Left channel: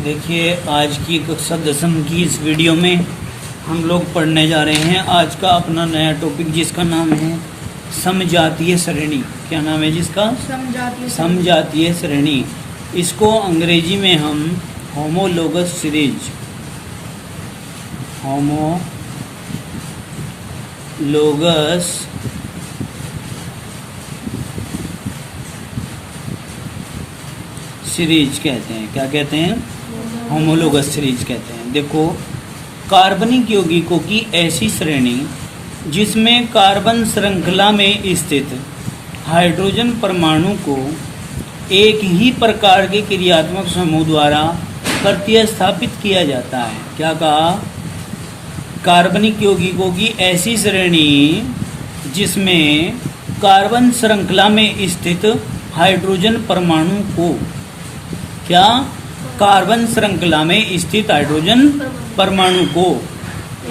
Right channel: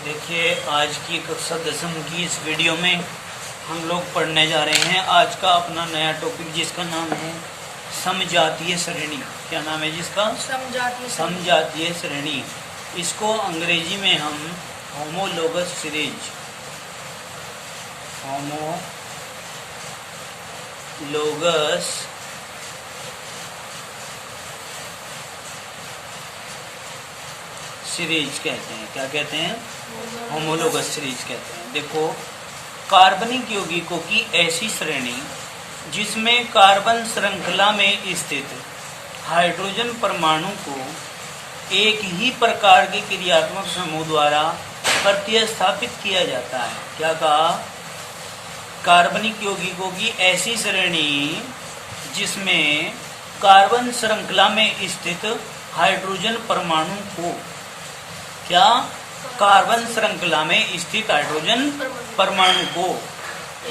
देखिए, आज की कक्षा 10वीं की इस वीडियो में हम लोग पढ़ने जा रहे हैं आज का अपना नया टॉपिक, जिसका नाम है समजातीय श्रेणी। क्या नाम है जिसका? समजातीय श्रेणी। इसको अंग्रेजी में हम होमोलोगस सीरीज, होमोलोगस सीरीज कहते हैं। क्या कहते हैं? होमोलोगस सीरीज कहते हैं। देखो, कार्बनिक यौगिकों की ऐसी श्रेणी जिसमें कार्बन श्रृंखला में स्थित हाइड्रोजन परमाणु को एक ही प्रकार के क्रियात्मक समूह द्वारा प्रतिस्थापित किया जाता है। क्या कहा? कार्बनिक यौगिकों की ऐसी श्रेणी जिसमें कार्बन श्रृंखला में स्थित हाइड्रोजन परमाणु को, क्या? कार्बन श्रृंखला में स्थित हाइड्रोजन परमाणु को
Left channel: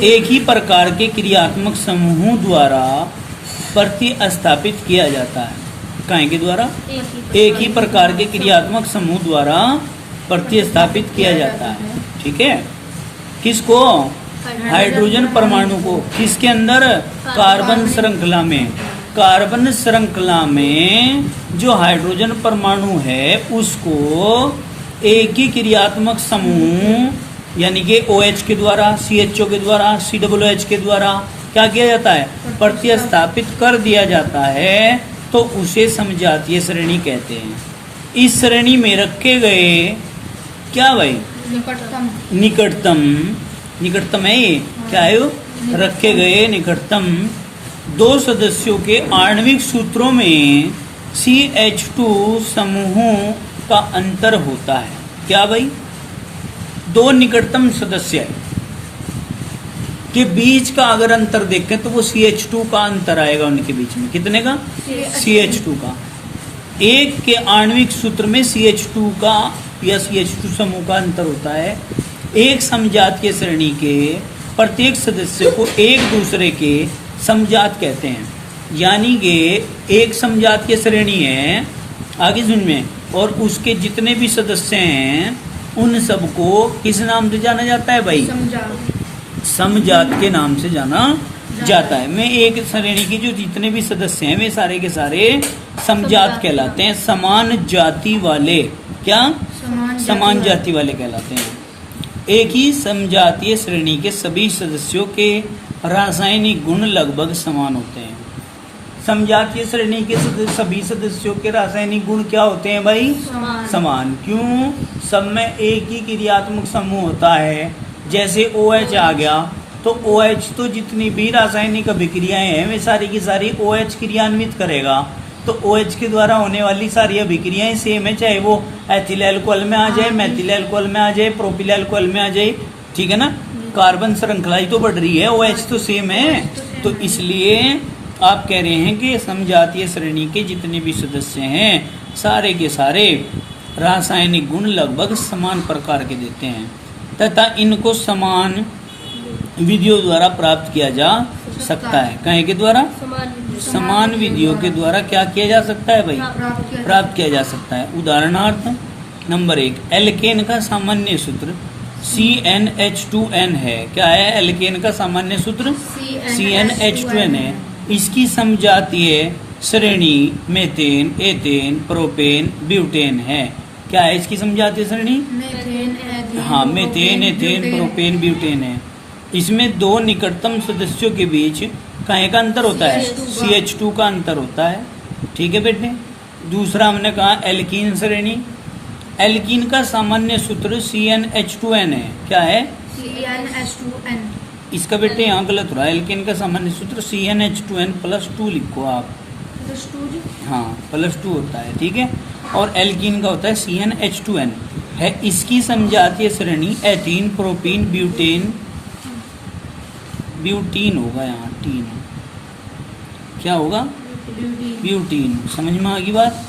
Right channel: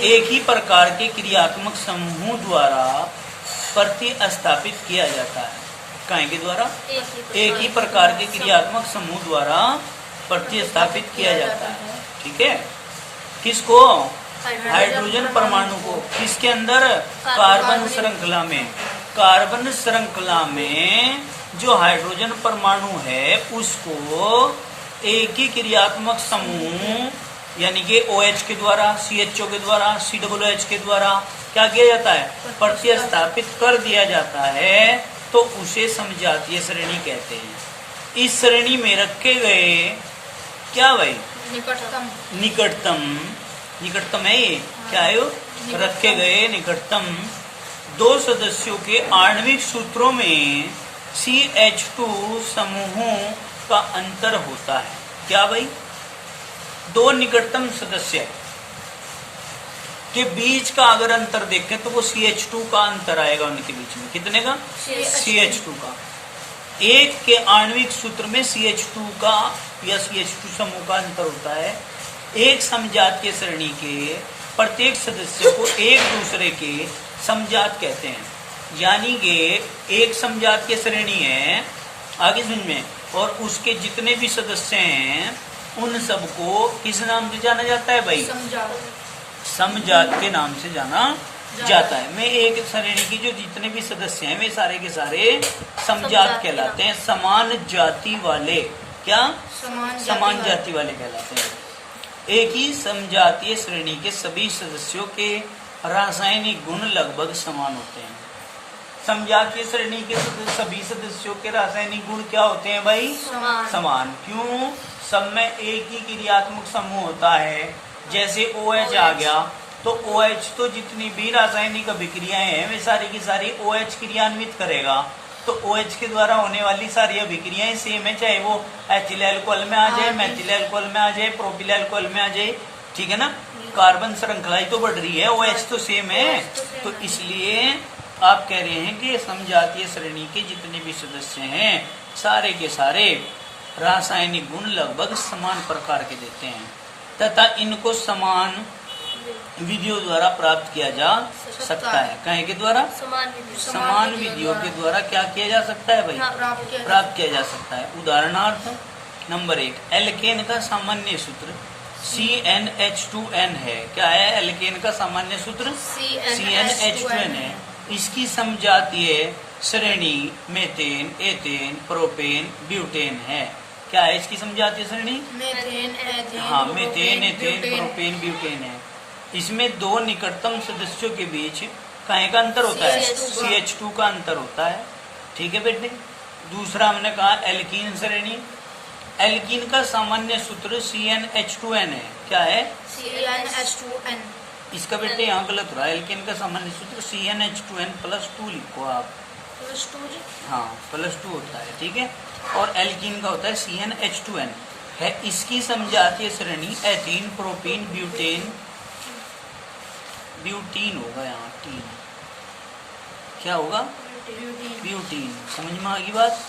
एक ही प्रकार के क्रियात्मक समूह द्वारा प्रतिस्थापित किया जाता है। काहे के द्वारा? एक ही प्रकार के क्रियात्मक समूह द्वारा प्रतिस्थापित किया जाता है। ठीक है? किसको? हाइड्रोजन परमाणु को। किसके अंदर? कार्बन श्रृंखला में। कार्बन श्रृंखला में जो हाइड्रोजन परमाणु है उसको एक ही क्रियात्मक समूह यानी कि OH के द्वारा, CHO के द्वारा, COOH के द्वारा क्या किया जाता है? प्रतिस्थापित कर दिया जाता है, तो उसे समजातीय श्रेणी कहते हैं। इस श्रेणी में रखे गए क्या भाई? निकटतम है ये। क्या है? रखे गए निकटतम दो सदस्यों के आणविक सूत्रों में CH2 समूहों का अंतर होता है। क्या भाई? दो निकटतम सदस्य के बीच का अगर अंतर देखें तो वो CH2 का अंतर आएगा उनके बीच में। कितने का? CH2 का। एक के आणविक सूत्र में CH2 का या CH2 समूह का अंतर होता है। एक समजातीय श्रेणी के प्रत्येक सदस्य को एक दूसरे के समजात कहते हैं। यानी कि एक समजातीय श्रेणी है, आगे सुन में, और उसके जितने भी सदस्य हैं उन सबको किस नाम से जाना जाता है भाई? समजात के नाम से जाना जाता है। में एक श्रेणी के जो जितने भी सदस्य हैं वे सारे के सारे समजात कहलाते हैं। समान जाति वाले। क्या? समान जाति वाले कहलाते हैं। एक ही समजातीय श्रेणी के सभी सदस्यों के रासायनिक गुण लगभग समान होते हैं। समजातीय श्रेणी के सभी सदस्यों के रासायनिक गुण क्या होते हैं भाई? समान। क्यों? सब में एक ही क्रियात्मक समूह होता है। जैसे OH आ गया तो OH तो जितनी भी रासायनिक अभिक्रियाएं हैं वे सारी की सारी OH क्रियान्वित करेगा। तो OH के द्वारा होने वाली सारी अभिक्रियाएं सेम है, चाहे वो एथिल अल्कोहल में आ जाए, मेथिल अल्कोहल में आ जाए, प्रोपिल अल्कोहल में आ जाए। ठीक है ना? कार्बन श्रृंखला ही तो बढ़ रही है, OH तो सेम है। तो इसलिए आप कह रहे हैं कि समजातीय श्रेणी के जितने भी सदस्य हैं सारे के सारे रासायनिक गुण लगभग समान प्रकार के देते हैं तथा इनको समान विधियों द्वारा प्राप्त किया जा सकता है। कहीं के द्वारा? समान विधियों के द्वारा क्या किया जा सकता है भाई? प्राप्त किया जा सकता है। उदाहरणार्थ नंबर 1, एल्केन का सामान्य सूत्र CnH2n है। क्या है? एल्केन का सामान्य सूत्र CnH2n है। इसकी समजातीय श्रेणी मेथेन, एथेन, प्रोपेन, ब्यूटेन है। क्या है इसकी समजातीय श्रेणी? हाँ, मेथेन, एथेन, प्रोपेन, ब्यूटेन है। इसमें दो निकटतम सदस्यों के बीच काहे का अंतर होता है? CH2 का अंतर होता है। ठीक है बेटे। दूसरा हमने कहा एल्कीन श्रेणी। एल्कीन का सामान्य सूत्र CnH2n है। क्या है? CnH2n। इसका बेटे यहाँ गलत रहा। एल्कीन का सामान्य सूत्र CnH2n +2 लिखो आप। +2? हाँ, +2 होता है। ठीक है। और एल्कीन का होता है CnH2n है। इसकी समजातीय श्रेणी एथीन, प्रोपीन, ब्यूटीन होगा। यहाँ टीन क्या होगा? ब्यूटीन। समझ में आ गई बात?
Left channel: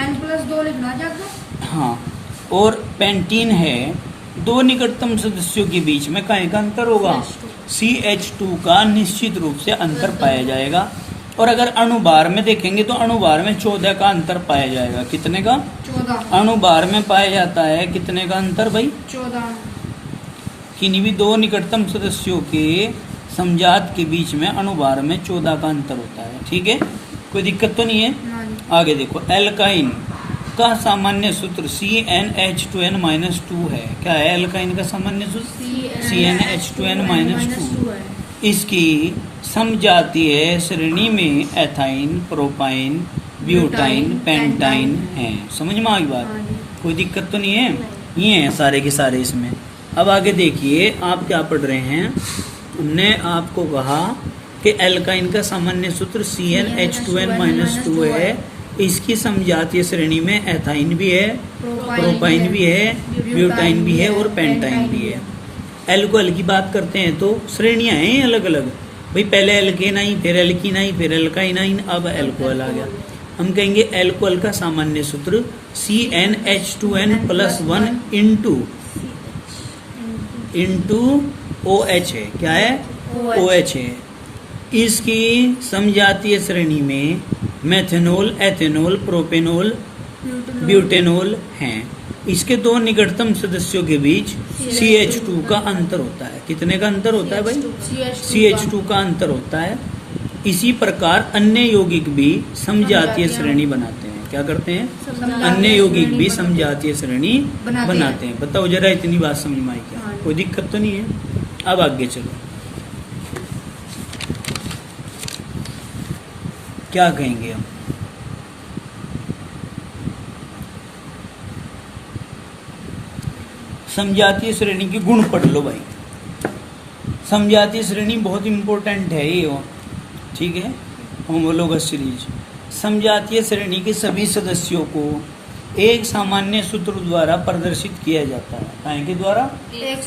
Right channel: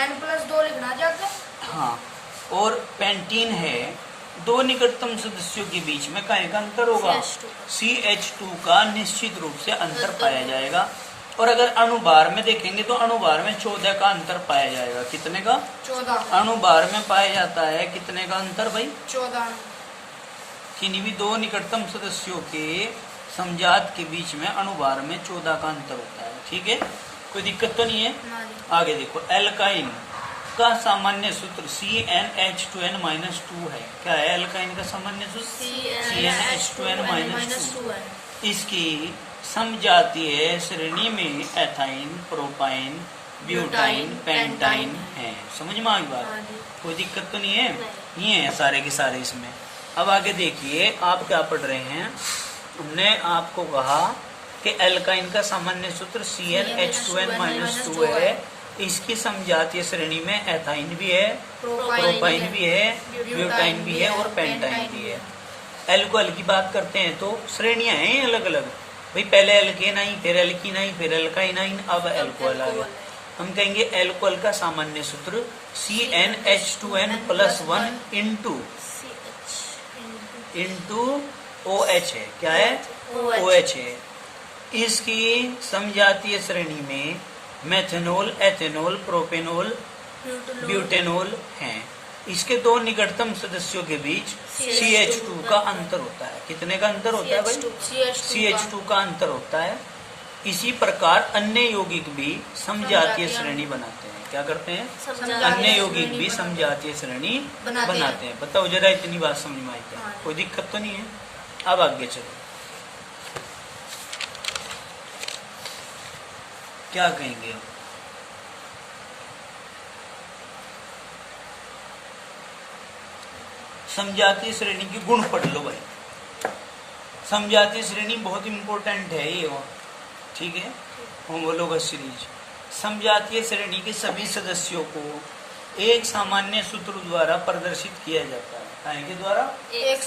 N+2 लिखना चाहते? हाँ। और पेंटीन है। दो निकटतम सदस्यों के बीच में काहे का अंतर होगा? CH2 का निश्चित रूप से अंतर पाया जाएगा। और अगर अणुभार में देखेंगे तो अणुभार में 14 का अंतर पाया जाएगा। कितने का? 14। अणुभार में पाया जाता है कितने का अंतर भाई? 14। किन्हीं भी दो निकटतम सदस्यों के समजात के बीच में अणुभार में 14 का अंतर होता है। ठीक है, कोई दिक्कत तो नहीं है। आगे देखो, एल्काइन का सामान्य सूत्र CnH2n-2 है। क्या है एल्काइन का सामान्य सूत्र? CnH2n-2। इसकी समजातीय श्रेणी में एथाइन, प्रोपाइन, ब्यूटाइन, पेंटाइन है। समझ में आ गई बात? कोई दिक्कत तो नहीं है। ये है सारे के सारे इसमें। अब आगे देखिए, आप क्या पढ़ रहे हैं। हमने आपको कहा कि एल्काइन का सामान्य सूत्र CnH2n-2 है। इसकी समजातीय श्रेणी में एथाइन भी है, प्रोपाइन भी है, ब्यूटाइन भी है और पेंटाइन भी है। एल्कोहल की बात करते हैं तो श्रेणियां हैं अलग अलग भाई। पहले एल्केन आई, फिर एल्कीन आई, फिर एल्काइन आई, अब एल्कोहल आ गया। हम कहेंगे एल्कोहल का सामान्य सूत्र CnH2n+1 इंटू OH है। क्या है? OH है। इसकी समजातीय श्रेणी में मेथेनॉल, एथेनॉल, प्रोपेनॉल, ब्यूटेनॉल हैं। इसके दो निकटतम सदस्यों के बीच CH2 का अंतर होता है। कितने का अंतर होता है भाई? CH2 का अंतर होता है। इसी प्रकार अन्य यौगिक भी समजातीय श्रेणी बनाते हैं। क्या करते हैं? अन्य यौगिक भी समजातीय श्रेणी बनाते हैं। बताओ जरा, इतनी बात समझ में आई क्या? कोई दिक्कत तो नहीं है। अब आगे चलो, क्या कहेंगे हम? समजातीय श्रेणी के गुण पढ़ लो भाई। समजातीय श्रेणी बहुत इंपॉर्टेंट है ये। ठीक है, होमोलोगस सीरीज। समजातीय श्रेणी के सभी सदस्यों को एक सामान्य सूत्र द्वारा प्रदर्शित किया जाता है। काय के द्वारा? एक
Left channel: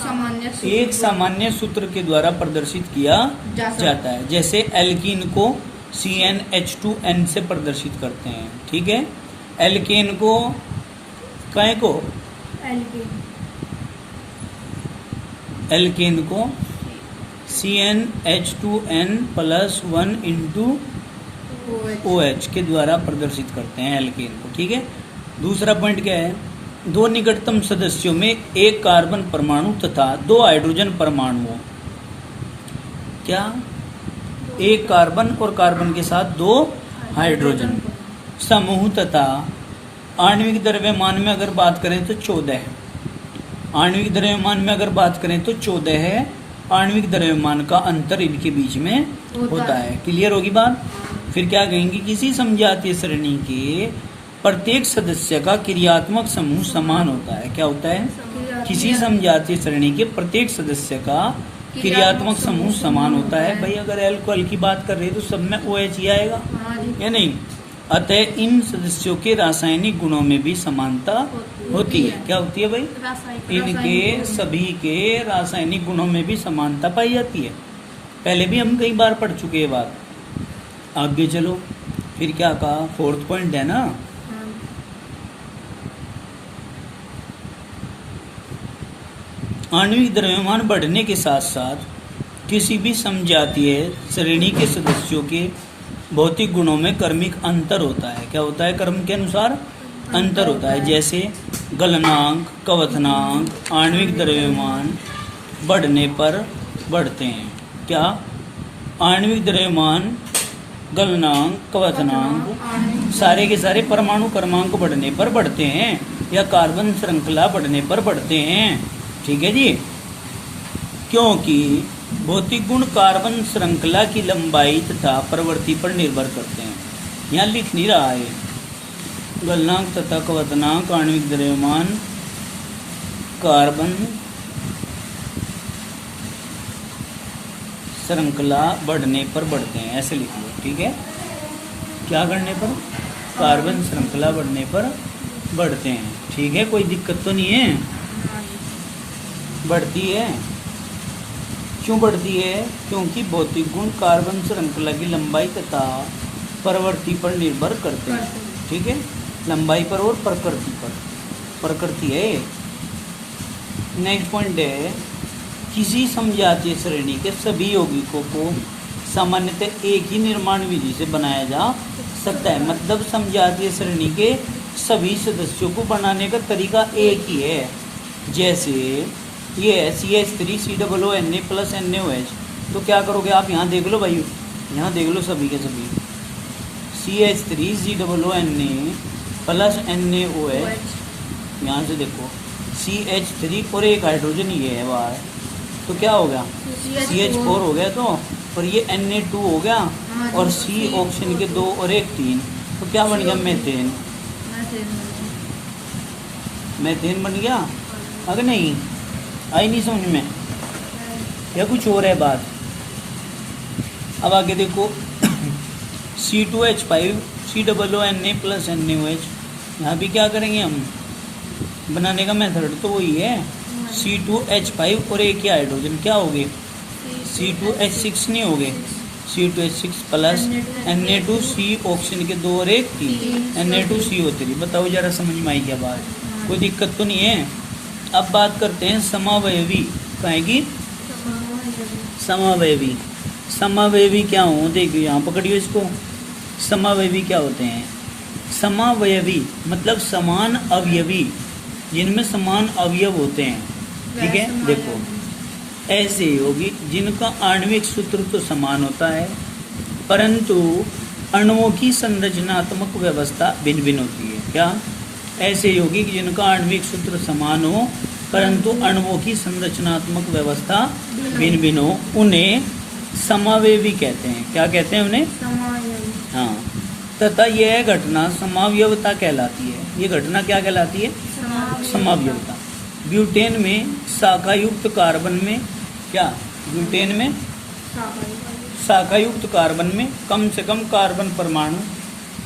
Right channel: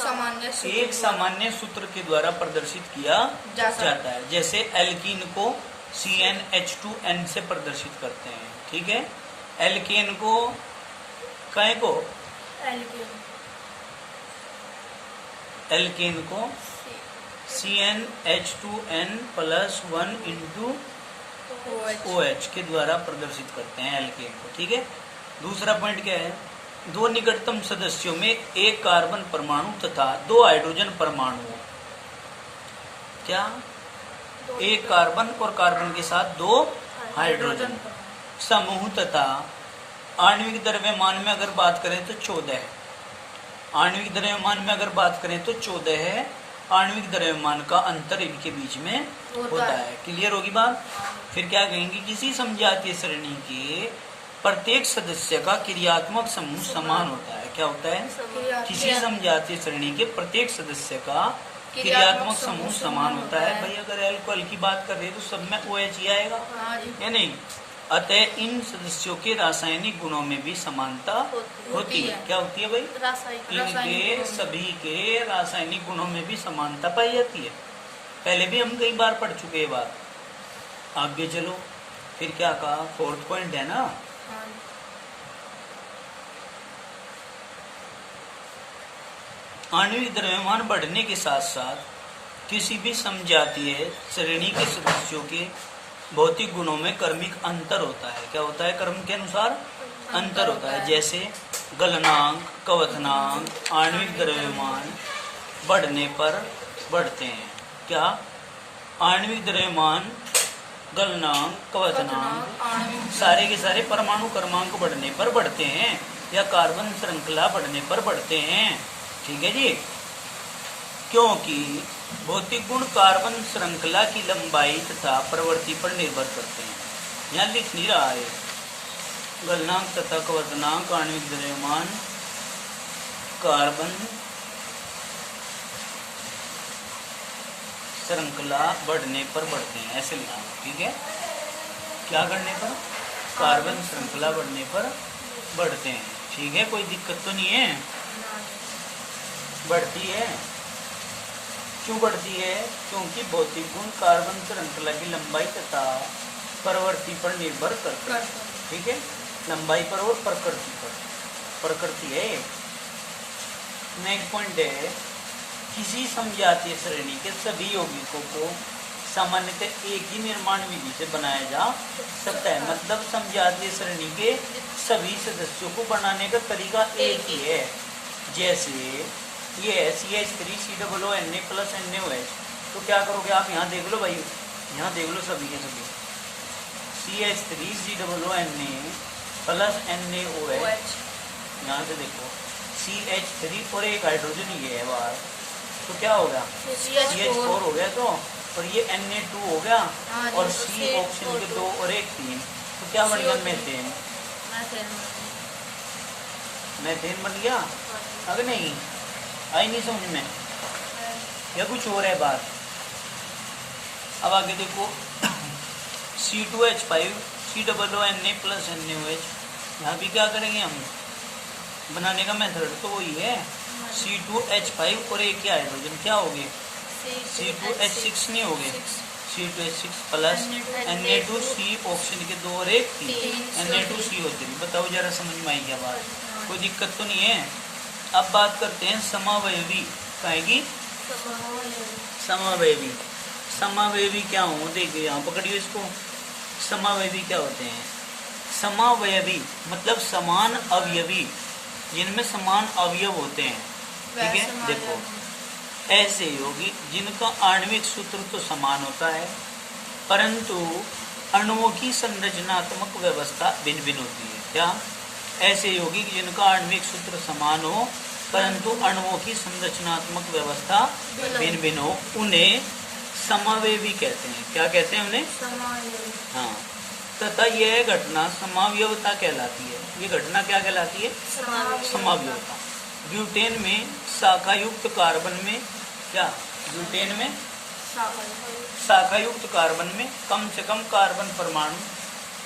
सामान्य सूत्र के द्वारा प्रदर्शित किया जाता है। जैसे एल्कीन को CnH2n से प्रदर्शित करते हैं। ठीक है, एल्केन को काय को? एल्केन को CnH2n+1 इंटू OH के द्वारा प्रदर्शित करते हैं एल्केन को। ठीक है, दूसरा पॉइंट क्या है? दो निकटतम सदस्यों में एक कार्बन परमाणु तथा दो हाइड्रोजन परमाणुओं, क्या? एक कार्बन और कार्बन के साथ दो हाइड्रोजन समूह तथा आणविक द्रव्यमान में अगर बात करें तो 14 है। आणविक द्रव्यमान में अगर बात करें तो 14 है। आणविक द्रव्यमान का अंतर इनके बीच में होता है। क्लियर होगी बात? फिर क्या कहेंगे? किसी समजातीय श्रेणी के प्रत्येक सदस्य का क्रियात्मक समूह समान होता है। क्या होता है? किसी समजातीय श्रेणी के प्रत्येक सदस्य का क्रियात्मक समूह समान होता है। भाई अगर एल्कोहल की बात कर रहे हैं तो सब में OH ही आएगा या नहीं? अतः इन सदस्यों के रासायनिक गुणों में भी समानता होती है। क्या होती है भाई? इनके सभी के रासायनिक गुणों में भी समानता पाई जाती है। पहले भी हम कई बार पढ़ चुके हैं बात। आगे चलो, फिर क्या कहा? फोर्थ पॉइंट है ना, आणविक द्रव्यमान बढ़ने के साथ साथ किसी भी समजातीय श्रेणी के सदस्यों के भौतिक गुणों में क्रमिक अंतर होता है। क्या होता है? क्रम के अनुसार अंतर होता है। जैसे गलनांक, कवथनांक, आणविक द्रव्यमान बढ़ने पर बढ़ते हैं। क्या? आणविक द्रव्यमान, गलनांक, कवथनांक सारे के सारे परमाणु क्रमांक बढ़ने पर बढ़ते हैं या कार्बन श्रृंखला बढ़ने पर बढ़ते हैं। ठीक है जी, क्योंकि भौतिक गुण कार्बन श्रृंखला की लंबाई तथा प्रवृत्ति पर निर्भर करते हैं। यहाँ लिख नहीं रहा है। गलनांक तथा कवथनांक, आणविक द्रव्यमान, कार्बन श्रृंखला बढ़ने पर बढ़ते हैं, ऐसे लिखो। ठीक है, क्या करने पर? कार्बन श्रृंखला बढ़ने पर बढ़ते हैं। ठीक है, कोई दिक्कत तो नहीं है? बढ़ती है। क्यों बढ़ती है? क्योंकि भौतिक गुण कार्बन श्रृंखला की लंबाई तथा प्रवृत्ति पर निर्भर करते हैं। ठीक है, लंबाई पर और प्रकृति पर। प्रकृति है। नेक्स्ट पॉइंट है, किसी समजातीय श्रेणी के सभी यौगिकों को सामान्यतः एक ही निर्माण विधि से बनाया जा सकता है। मतलब समजातीय सरणी के सभी सदस्यों को बनाने का तरीका एक ही है। जैसे ये CH3COONA प्लस NaOH, तो क्या करोगे आप, यहाँ देख लो भाई, यहाँ देख लो सभी के सभी CH3COONA प्लस NaOH, यहाँ से देखो CH3 और एक हाइड्रोजन ये है बाहर, तो क्या हो गया CH4 हो गया, तो और ये Na2 हो गया, और C ऑप्शन के 2 और 1 3, तो क्या बन गया मेथेन। मेथेन बन गया। अगर नहीं आई नहीं समझ में या कुछ और है बात। अब आगे देखो C2H5 COONA प्लस NaOH, यहाँ भी क्या करेंगे हम, बनाने का मेथड तो वही है, C2H5 और एक ही हाइड्रोजन क्या हो गए C2H6 नहीं हो गए, C2H6 प्लस Na2C ऑक्सीजन के 2 और 1 3 Na2CO3। बताओ जरा समझ में आई क्या बात, कोई दिक्कत तो नहीं है। अब बात करते हैं समावयवी, कहेंगी समावयवी। समावयवी क्या हो, देखिए यहाँ पकड़ियो इसको। समावयवी क्या होते हैं, समावयवी मतलब समान अवयवी, जिनमें समान अवयव होते हैं, ठीक है। देखो ऐसे यौगिक जिनका आणविक सूत्र तो समान होता है, परंतु अणुओं की संरचनात्मक व्यवस्था भिन्न भिन्न होती है। क्या, ऐसे यौगिक जिनका आणविक सूत्र समान हो परंतु अणुओं की संरचनात्मक व्यवस्था भिन्न भिन्न हो, उन्हें समावयवी कहते हैं। क्या कहते हैं उन्हें, हाँ। तथा यह घटना समावयवता कहलाती है। ये घटना क्या कहलाती है, समावयवता। ब्यूटेन में शाखायुक्त कार्बन में क्या, ब्यूटेन में शाखायुक्त कार्बन में कम से कम कार्बन परमाणु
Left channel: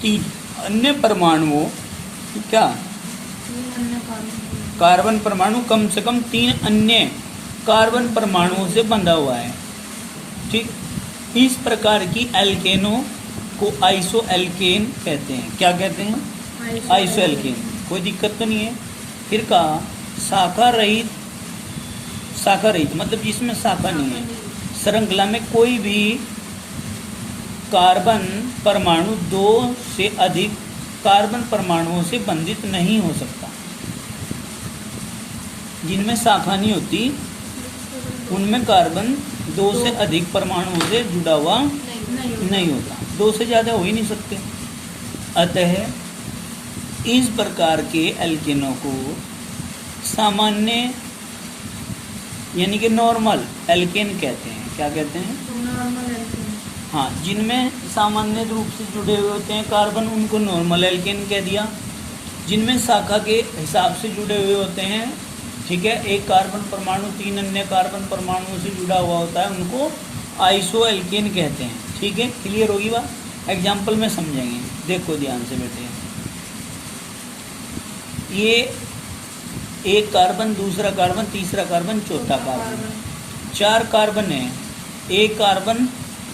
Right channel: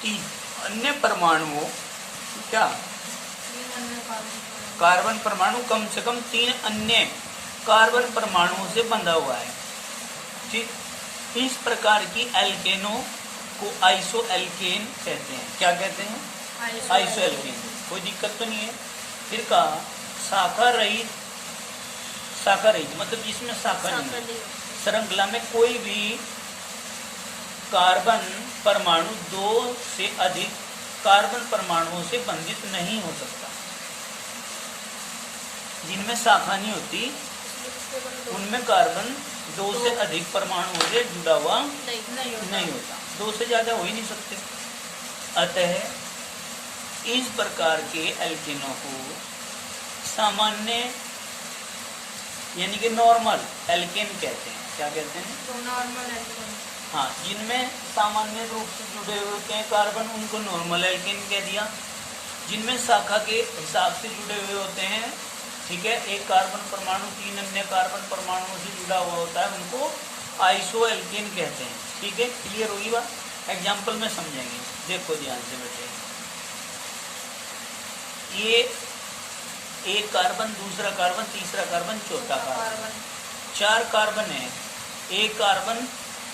3 अन्य परमाणुओं, क्या, कार्बन परमाणु कम से कम 3 अन्य कार्बन परमाणुओं से बंधा हुआ है, ठीक। इस प्रकार की एल्केनों को आइसो एल्केन कहते हैं। क्या कहते हैं, आइसो एल्केन। कोई दिक्कत तो नहीं है। फिर कहा शाखा रहित, शाखा रहित मतलब जिसमें शाखा नहीं है, श्रृंखला में कोई भी कार्बन परमाणु 2 से अधिक कार्बन परमाणुओं से बंधित नहीं हो सकता। जिनमें शाखा नहीं होती उनमें कार्बन 2 से अधिक परमाणुओं से जुड़ा हुआ नहीं होता, 2 से ज्यादा हो ही नहीं सकते। अतः इस प्रकार के एल्केनों को सामान्य यानी कि नॉर्मल एल्केन कहते हैं। क्या कहते हैं, नॉर्मल एल्केन। हाँ, जिनमें सामान्य रूप से जुड़े हुए होते हैं कार्बन, उनको नॉर्मल एल्केन कह दिया। जिनमें शाखा के हिसाब से जुड़े हुए होते हैं, ठीक है, एक कार्बन परमाणु 3 अन्य कार्बन परमाणुओं से जुड़ा हुआ होता है, उनको आइसो एल्केन कहते हैं। ठीक है, क्लियर होगी बात। एग्जाम्पल में समझेंगे, देखो ध्यान से बेटे। ये एक कार्बन, दूसरा कार्बन, तीसरा कार्बन, चौथा कार्बन, 4 कार्बन है। एक कार्बन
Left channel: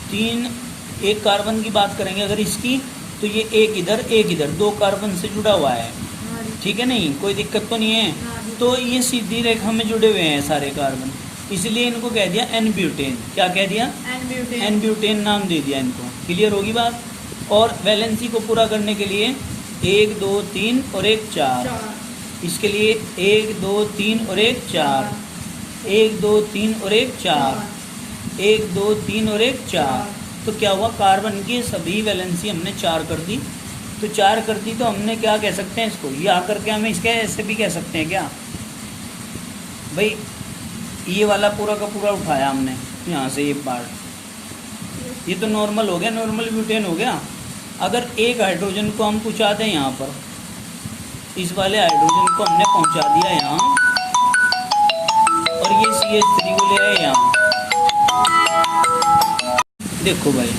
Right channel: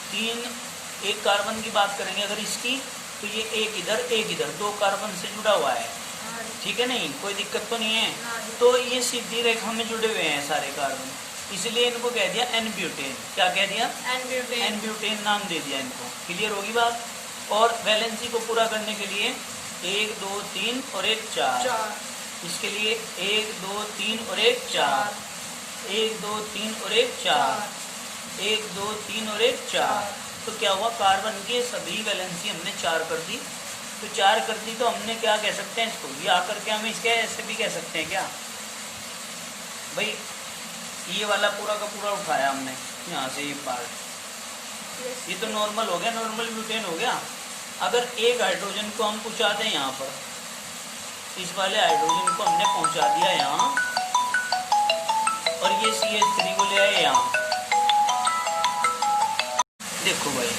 3, एक कार्बन की बात करेंगे अगर इसकी, तो ये एक इधर 2 कार्बन से जुड़ा हुआ है, ठीक है, नहीं कोई दिक्कत तो नहीं है। तो ये सीधी रेखा में जुड़े हुए हैं सारे कार्बन, इसलिए इनको कह दिया एन ब्यूटेन। क्या कह दिया, एन ब्यूटेन नाम दे दिया इनको। क्लियर होगी बात। और वैलेंसी को पूरा करने के लिए 1 2 3 और 1 4, इसके लिए 1 2 3 और 1 4, 1 2 3 और 1 4, 1 2 3 और 1 4। तो क्या हुआ, कार्बन की सभी वैलेंसी हमने 4 कर दी। तो 4 कर दी तो हमने क्या कह सकते हैं इसको, ये आकर के हमें इसके ऐसे भी कह सकते हैं क्या भाई, ये वाला पूरा का पूरा उठाया हमने यहाँ से एक बार, ये तो नॉर्मल हो गया, नॉर्मल ब्यूटेन हो गया। अगर एक हाइड्रोजन को हम पहुँचा दें यहाँ पर, इस वाले हाइड्रोजन को हमने पहुँचा दिया यहाँ, और ये CH3 को ले आए यहाँ। देखो भाई,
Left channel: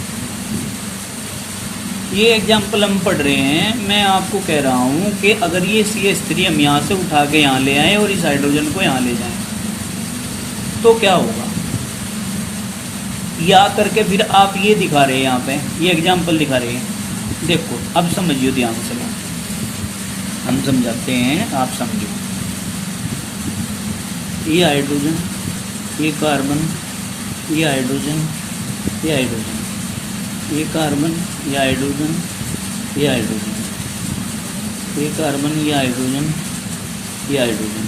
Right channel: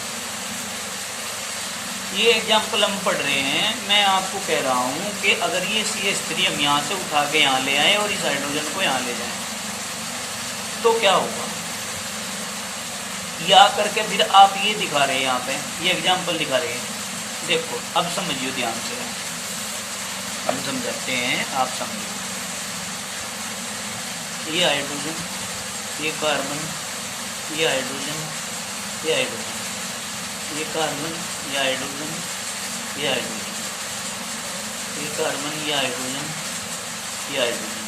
ये एग्जाम्पल हम पढ़ रहे हैं, मैं आपको कह रहा हूँ कि अगर ये CH3 हम यहाँ से उठा के यहाँ ले आए और इस हाइड्रोजन को यहाँ ले जाएं, तो क्या होगा। या करके फिर आप ये दिखा रहे हैं यहाँ पे, ये एग्जाम्पल दिखा रहे हैं। देखो अब समझिए ध्यान से, हम समझाते हैं, आप समझो। ये हाइड्रोजन, ये कार्बन, ये हाइड्रोजन, ये हाइड्रोजन, ये कार्बन, ये हाइड्रोजन, ये हाइड्रोजन, ये कार्बन, ये हाइड्रोजन, ये हाइड्रोजन,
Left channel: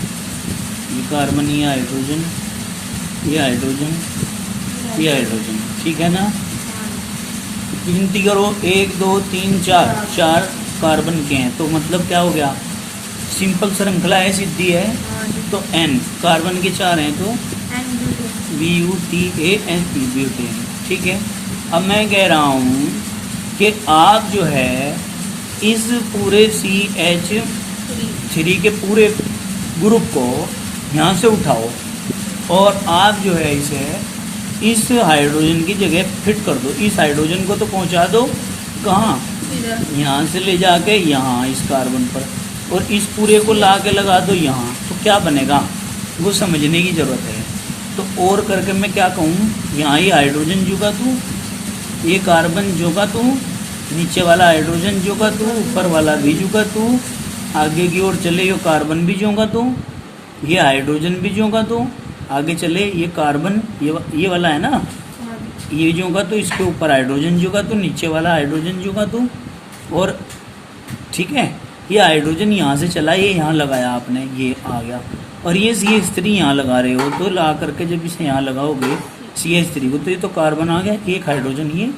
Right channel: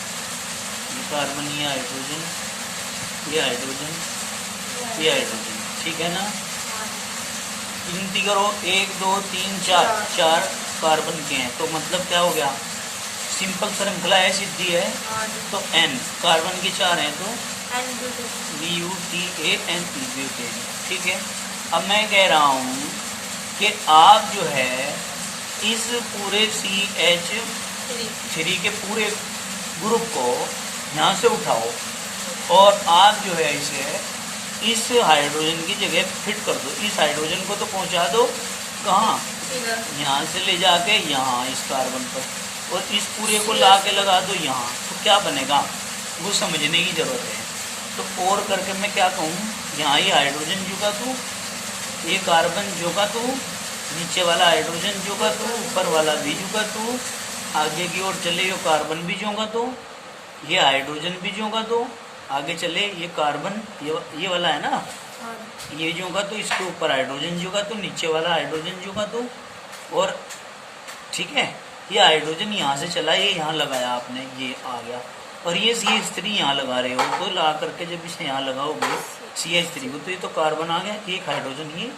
ये कार्बन, ये हाइड्रोजन, ये हाइड्रोजन, ये हाइड्रोजन। ठीक है ना? गिनती करो, 1 2 3 4, 4 कार्बन के हैं, तो मतलब क्या हो गया? सिंपल श्रृंखला है, सिद्धि है, तो n कार्बन के 4 हैं तो BUTAN, ब्यूटेन। ठीक है। अब मैं कह रहा हूँ कि आप जो है इस पूरे CH3 के पूरे ग्रुप को यहाँ से उठाओ और आप जो है इसे इस हाइड्रोजन की जगह फिट कर दो। इस हाइड्रोजन को तो पहुँचा दो कहाँ? यहाँ से ले जाके यहाँ इस कार्बन पर, और इस पूरे को ला के लगा दो यहाँ, तो क्या बनेगा वो समझने की जरूरत है। तो और करके मैं क्या कहूँ, यहाँ ये हाइड्रोजन जोगा तू, ये कार्बन जोगा तू, नीचे वाला हाइड्रोजन जोगा तू, ऊपर वाला भी जोगा तू, आगे की ओर चले ये कार्बन भी जोगा तू, ये हाइड्रोजन भी जोगा तू, आगे चले ये कार्बन, ये वाला है ना, ये जोगा तो इसके ऊपर हाइड्रोजन जोगा तो, नीचे वाला हाइड्रोजन जोगा तो, और ठीक है, ये हाइड्रोजन यहाँ से चला, ये यहाँ लगाया आपने, ये आ गया, और ये CH3 यहाँ लगा रहे हो, तो ला करके जब इसे यहाँ लगाओगे CH3 को, तो ये तो कार्बन आ गया, एक हाइड्रोजन ये,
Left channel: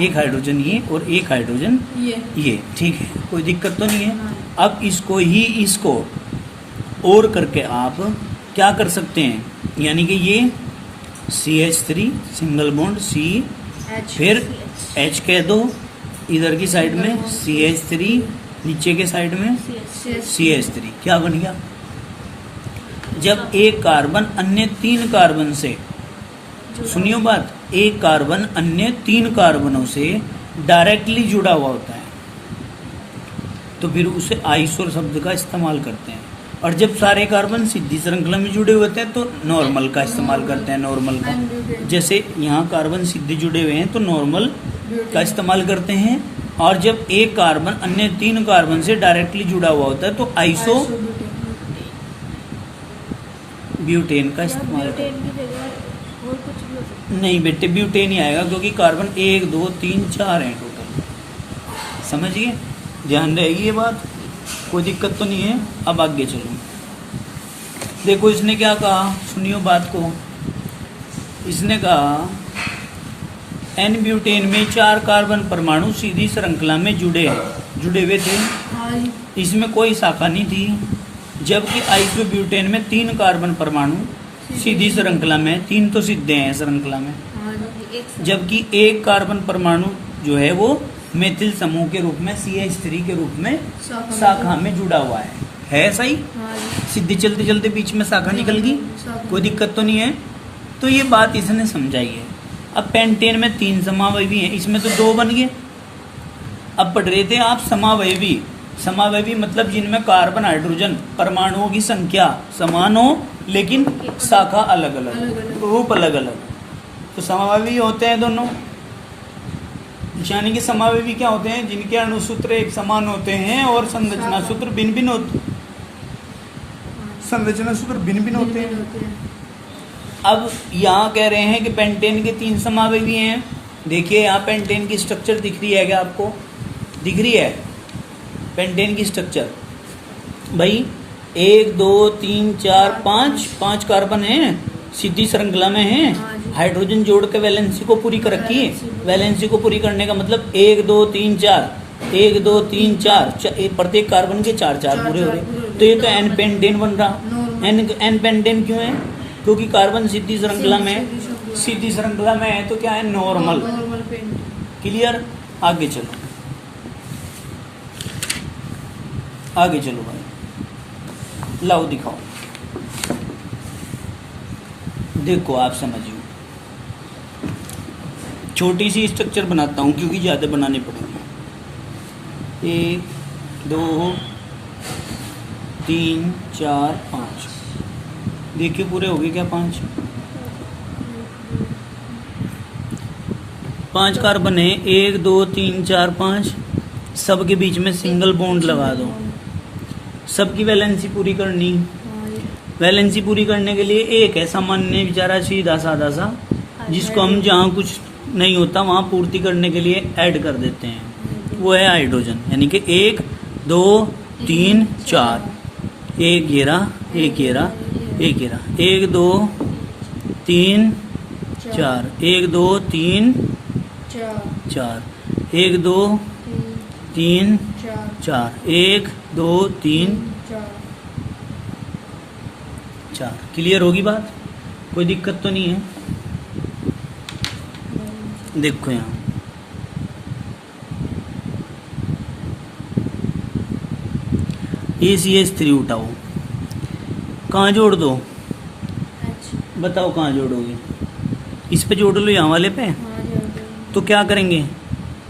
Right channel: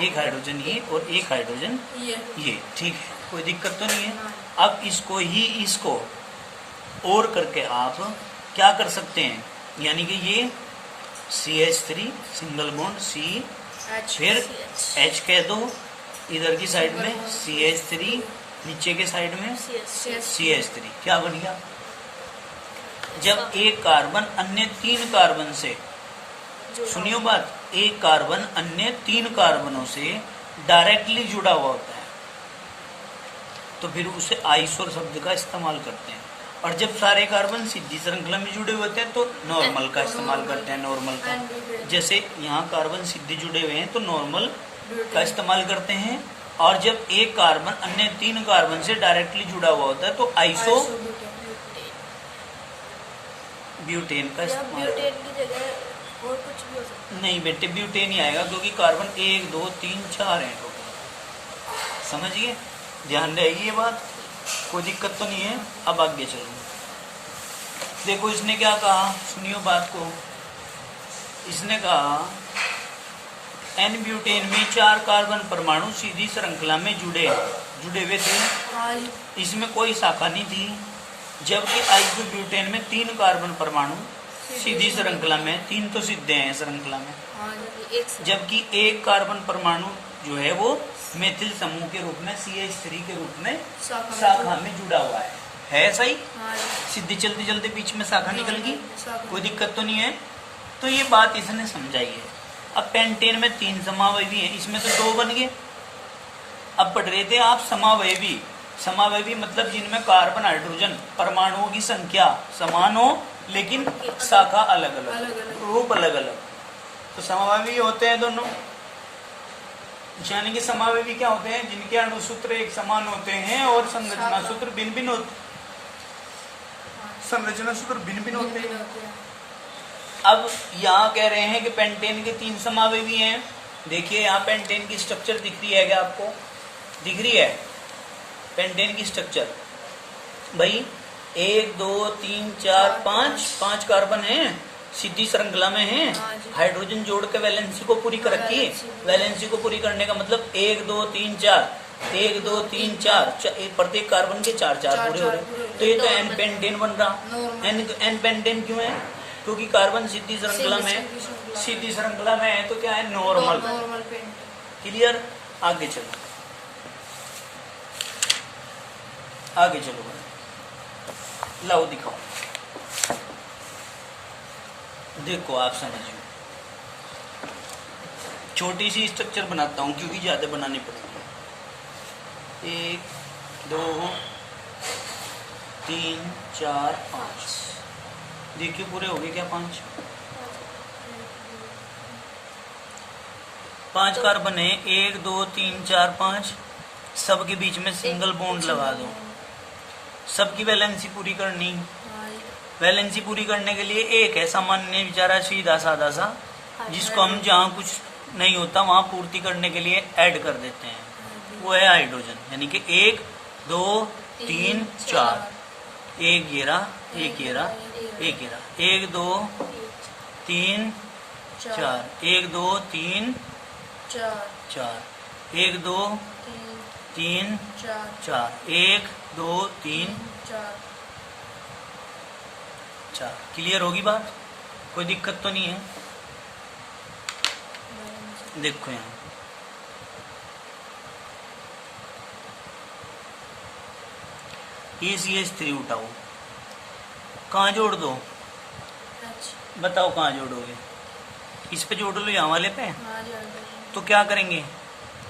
एक हाइड्रोजन ये, और एक हाइड्रोजन ये। ठीक है, कोई दिक्कत तो नहीं है। अब इसको ही इसको और करके आप क्या कर सकते हैं, यानी कि ये CH3 सिंगल बॉन्ड C, फिर H कह दो, इधर की साइड में CH3, नीचे के साइड में CH3, क्या बन गया? जब एक कार्बन अन्य 3 कार्बन से, सुनियो बात, एक कार्बन अन्य 3 कार्बनों से डायरेक्टली जुड़ा हुआ होता है तो फिर उसे आइसो शब्द का इस्तेमाल करते हैं, और जब सारे कार्बन सीधी श्रृंखला में जुड़े होते हैं तो नॉर्मल का इस्तेमाल करते हैं, नॉर्मल का। जैसे यहाँ कार्बन सीधे जुड़े हुए हैं तो नॉर्मल का इस्तेमाल करते हैं, और जब एक कार्बन अन्य 3 कार्बन से डायरेक्टली जुड़ा हुआ होता है तो आइसो ब्यूटेन का इस्तेमाल करते हैं। नहीं बेटे, ब्यूटेन ही आएगा, क्योंकि कार्बन 1 2 3 4 है टोटल, समझिए, ध्यान रहेगी ये बात, कोई दिक्कत तो नहीं है। अब आगे चलो, देखो इसने क्या कहा, सुनियो बात को। इसने कहा N ब्यूटेन में 4 कार्बन परमाणु सीधी श्रृंखला में जुड़े हुए थे, इसमें कोई शाखा नहीं थी, जबकि आइसो ब्यूटेन में 3 कार्बन परमाणु सीधी श्रृंखला में, 3 तो सीधे हैं श्रृंखला में, जबकि एक कार्बन परमाणु जो है वो मेथिल समूह के रूप में CH3 के रूप में शाखा में जुड़ा हुआ है सही? सीधे चलते चलते बीच में शाखा निकल गई, कोई दिक्कत तो नहीं है। तो ये बात इसने समझाई है। अब पेंटेन में 3 समावयवी हैं, इसमें तो 2 बन गए। अब पढ़ रहे थे आप समावयवी, समावयवी मतलब जिनमें कार्बन हाइड्रोजन परमाणुओं की संख्या समान हो लेकिन शाखा अलग अलग, रूप अलग अलग, तो समावयवी होते हैं दोनों। यानी कि समावयवी क्या होते हैं? जिनके अणुसूत्र एक समान होते हैं और संरचना सूत्र भिन्न भिन्न होते, संरचना सूत्र भिन्न भिन्न होते हैं। अब यहाँ कह रहे हैं कि पेंटेन के 3 समावयवी हैं। देखिए यहाँ पेंटेन की स्ट्रक्चर दिख रही है क्या आपको? दिख रही है पेंटेन की स्ट्रक्चर भाई? 1 2 3 4 5 कार्बन हैं, सीधी श्रृंखला में हैं, हाइड्रोजन जोड़ के वैलेंसी को पूरी कर रखी है। वैलेंसी को पूरी करने का मतलब 1 2 3 4, 1 2 3 4, प्रत्येक कार्बन के 4 पूरे हो रहे, तो ये तो एन पेंटेन बन रहा। एन पेंटेन क्यों है? क्योंकि कार्बन सीधी श्रृंखला में, सीधी श्रृंखला में है तो क्या है? नॉर्मल। क्लियर? आगे चलो, आगे चलो भाई, लाओ दिखाओ, देखो आप समझिए। छोटी सी स्ट्रक्चर बनाता हूँ क्योंकि ज़्यादा बनानी पड़ेगी। 1 2 3 4 5, देखिए पूरे हो गए क्या? 5 कार्बन है, 1 2 3 4 5, सबके बीच में सिंगल बॉन्ड लगा दो। सबकी वैलेंसी पूरी करनी, वैलेंसी पूरी करने के लिए एक है सामान्य बेचारा सीधा साधा सा, जिसको हम जहाँ कुछ नहीं होता वहां पूर्ति करने के लिए ऐड कर देते हैं, वो है हाइड्रोजन। यानी कि 1 2 3 4, एक ये रहा, एक ये रहा, एक ये रहा, 1 2 3 4, 1 2 3 4, 1 2 3 4, 1 2 3 4। क्लियर होगी बात? कोई दिक्कत तो नहीं है? देखो यहाँ ACH3 उठाओ, कहाँ जोड़ दो? बताओ कहाँ जोड़ोगे? इस पे जोड़ लो, यहाँ वाले पे। तो क्या करेंगे,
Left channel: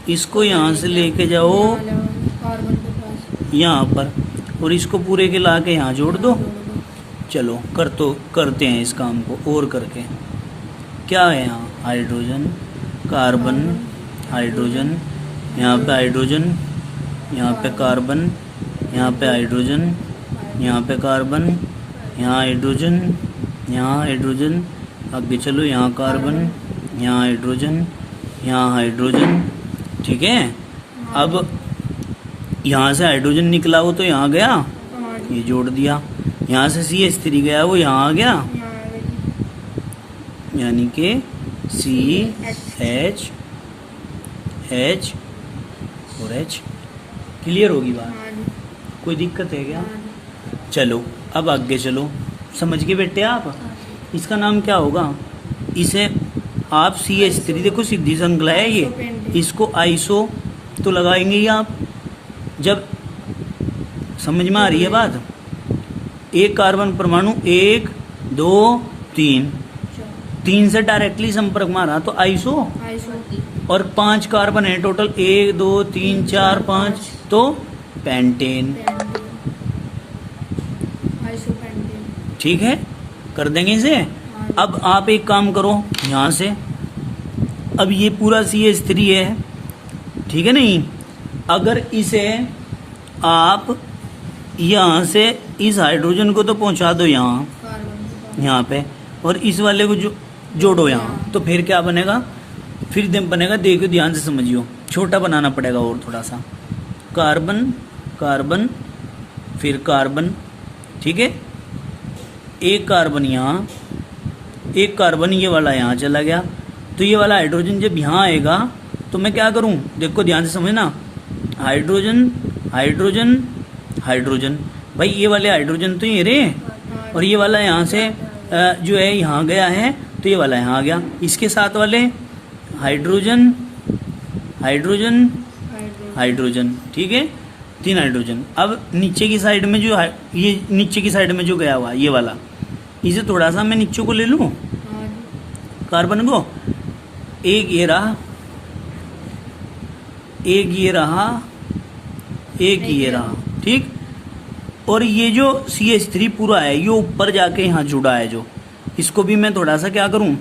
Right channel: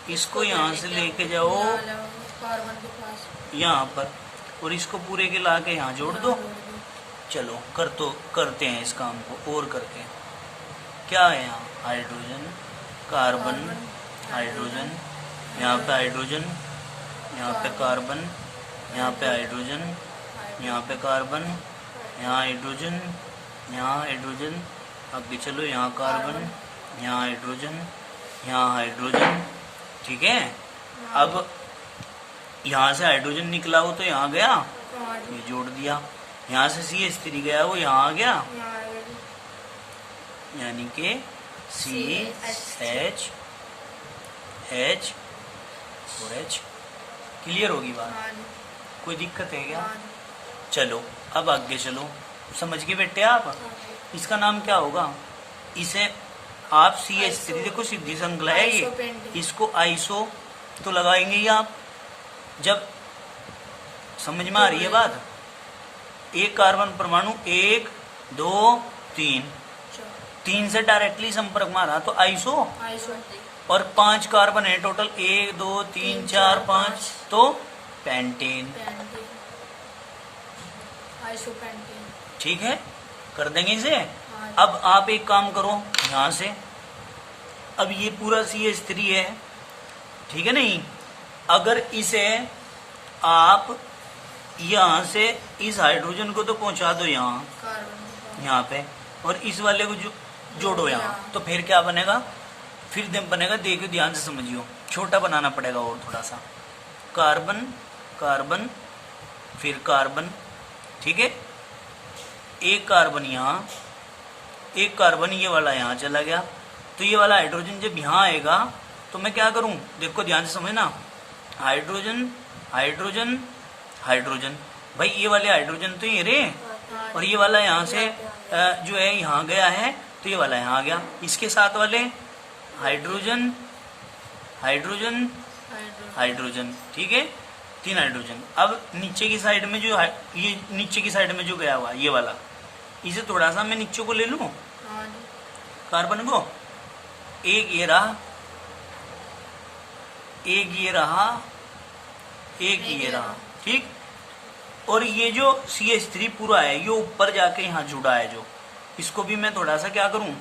इसको यहाँ से लेके जाओ यहाँ पर, और इसको पूरे के ला के यहाँ जोड़ दो। चलो करते हैं इस काम को और करके। क्या है यहाँ? हाइड्रोजन, कार्बन, हाइड्रोजन, यहाँ पे हाइड्रोजन, यहाँ पे कार्बन, यहाँ पे हाइड्रोजन, यहाँ पे कार्बन, यहाँ हाइड्रोजन, यहाँ हाइड्रोजन, आगे चलो यहाँ कार्बन, यहाँ हाइड्रोजन, यहाँ हाइड्रोजन। ठीक है, अब यहाँ से हाइड्रोजन निकला हो तो यहाँ गया, ये जोड़ दिया। यहाँ से CH3 गया वो यहाँ आ गया, यानी कि CH H और H। क्लियर होगी बात? कोई दिक्कत है क्या? चलो अब आगे चलो, समझ के बेटे आप। इसका नाम क्या होगा? इसे आप CH3, देखो सीधी श्रृंखला है ये, इसको आइसो तो लगाएंगे ही आप। जब समझ में आ रही है बात? एक कार्बन परमाणु 1 2 3 से डायरेक्टली संपर्क में आ रहा तो आइसो, और 5 कार्बन है टोटल, 1 2 3 4 5, तो पेंटेन। ठीक है, कर देंगे इसे। अब आप एक काम करो यहाँ से, अब ये पूरा CH3 है, ठीक है नहीं? अगर इसे आप यहाँ से इस हाइड्रोजन को तो पहुंचा दो यहाँ पे, और इस वाले को जोड़ो यहाँ, तो फिर क्या बनेगा? फिर बनेगा, देखो ध्यान से समझियो, छोटा बनाना पड़ेगा और थोड़ा सा। कार्बन कार्बन फिर कार्बन, ठीक है? एक कार्बन यहाँ, एक कार्बन ये वाला यहाँ चला गया, तो ये वाला हाइड्रोजन जब यहाँ आएगा तो मैं क्या करूं? देखो ध्यान से समझना, हाइड्रोजन हाइड्रोजन हाइड्रोजन, भाई ये वाले हाइड्रोजन तो ये रे, और ये वाला यहाँ से जो है यहाँ गया है, तो ये वाला यहाँ आ गया। इसके साथ वाले हाइड्रोजन हाइड्रोजन हाइड्रोजन, ठीक है? 3 हाइड्रोजन। अब नीचे की साइड में जो ये नीचे की साइड में जो गया हुआ ये वाला, इसे थोड़ा सा मैं नीचे को ले लूं, कार्बन को, एक ये रहा, एक ये रहा, एक ये रहा, ठीक? और ये जो CH3 पूरा है ये ऊपर जाके यहाँ जुड़ा है, जो इसको भी मैं थोड़ा सा क्या करूं,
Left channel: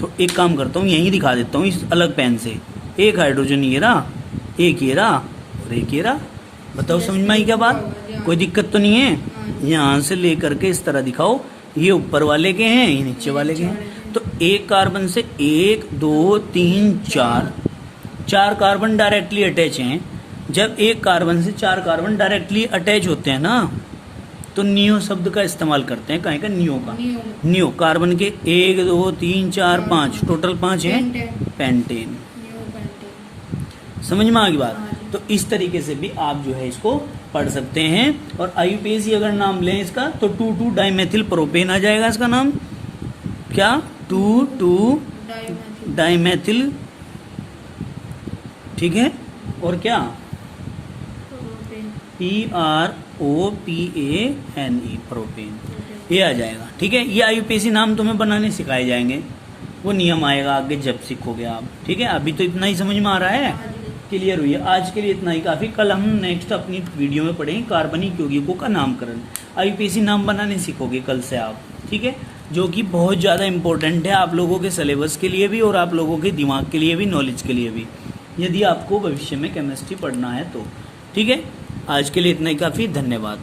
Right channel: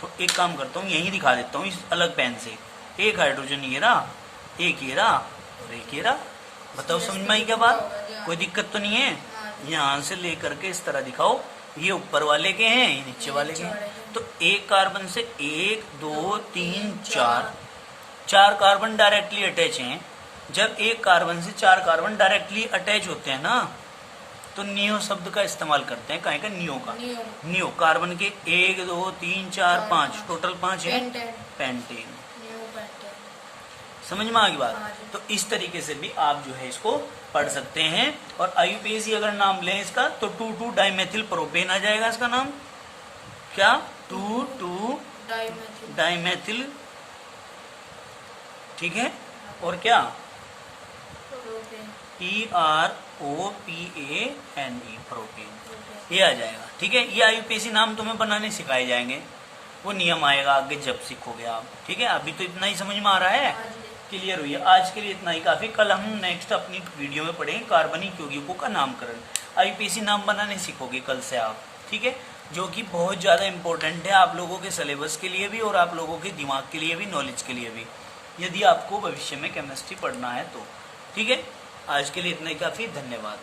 तो एक काम करता हूँ, यहीं दिखा देता हूँ इस अलग पेन से। एक हाइड्रोजन ये रहा, एक ये रहा, और एक ये रहा। बताओ समझ में आई क्या बात? कोई दिक्कत तो नहीं है? यहाँ से लेकर के इस तरह दिखाओ, ये ऊपर वाले के हैं, ये नीचे वाले के हैं। तो एक कार्बन से 1 2 3 4 कार्बन डायरेक्टली अटैच हैं। जब एक कार्बन से 4 कार्बन डायरेक्टली अटैच होते हैं ना, तो नियो शब्द का इस्तेमाल करते हैं। कहें का नियो का, नियो कार्बन के 1 2 3 4 5 टोटल 5 है पेंटेन। समझ में आ गई बात? तो इस तरीके से भी आप जो है इसको पढ़ सकते हैं। और IUPAC अगर नाम लें इसका तो 2,2 डाइमेथिल प्रोपेन आ जाएगा इसका नाम। क्या? 2,2 डाइमेथिल, ठीक है? और क्या? PROPANE प्रोपेन, ये आ जाएगा। ठीक है, ये IUPAC नाम तुम्हें बनाने सिखाए जाएंगे, वो नियम आएगा आगे जब सीखोगे आप। ठीक है, अभी तो इतना ही समझ में आ रहा है, क्लियर हुई है? आज के लिए इतना ही काफी। कल हम नेक्स्ट अपनी वीडियो में पढ़ेंगे कार्बनिक यौगिकों का नामकरण। IUPAC नाम बनाने सीखोगे कल से आप, ठीक है? जो कि बहुत ज्यादा इंपॉर्टेंट है आप लोगों के सिलेबस के लिए भी और आप लोगों के दिमाग के लिए भी, नॉलेज के लिए भी, यदि आपको भविष्य में केमिस्ट्री पढ़ना है तो। ठीक है, आज के लिए इतना ही काफी। धन्यवाद।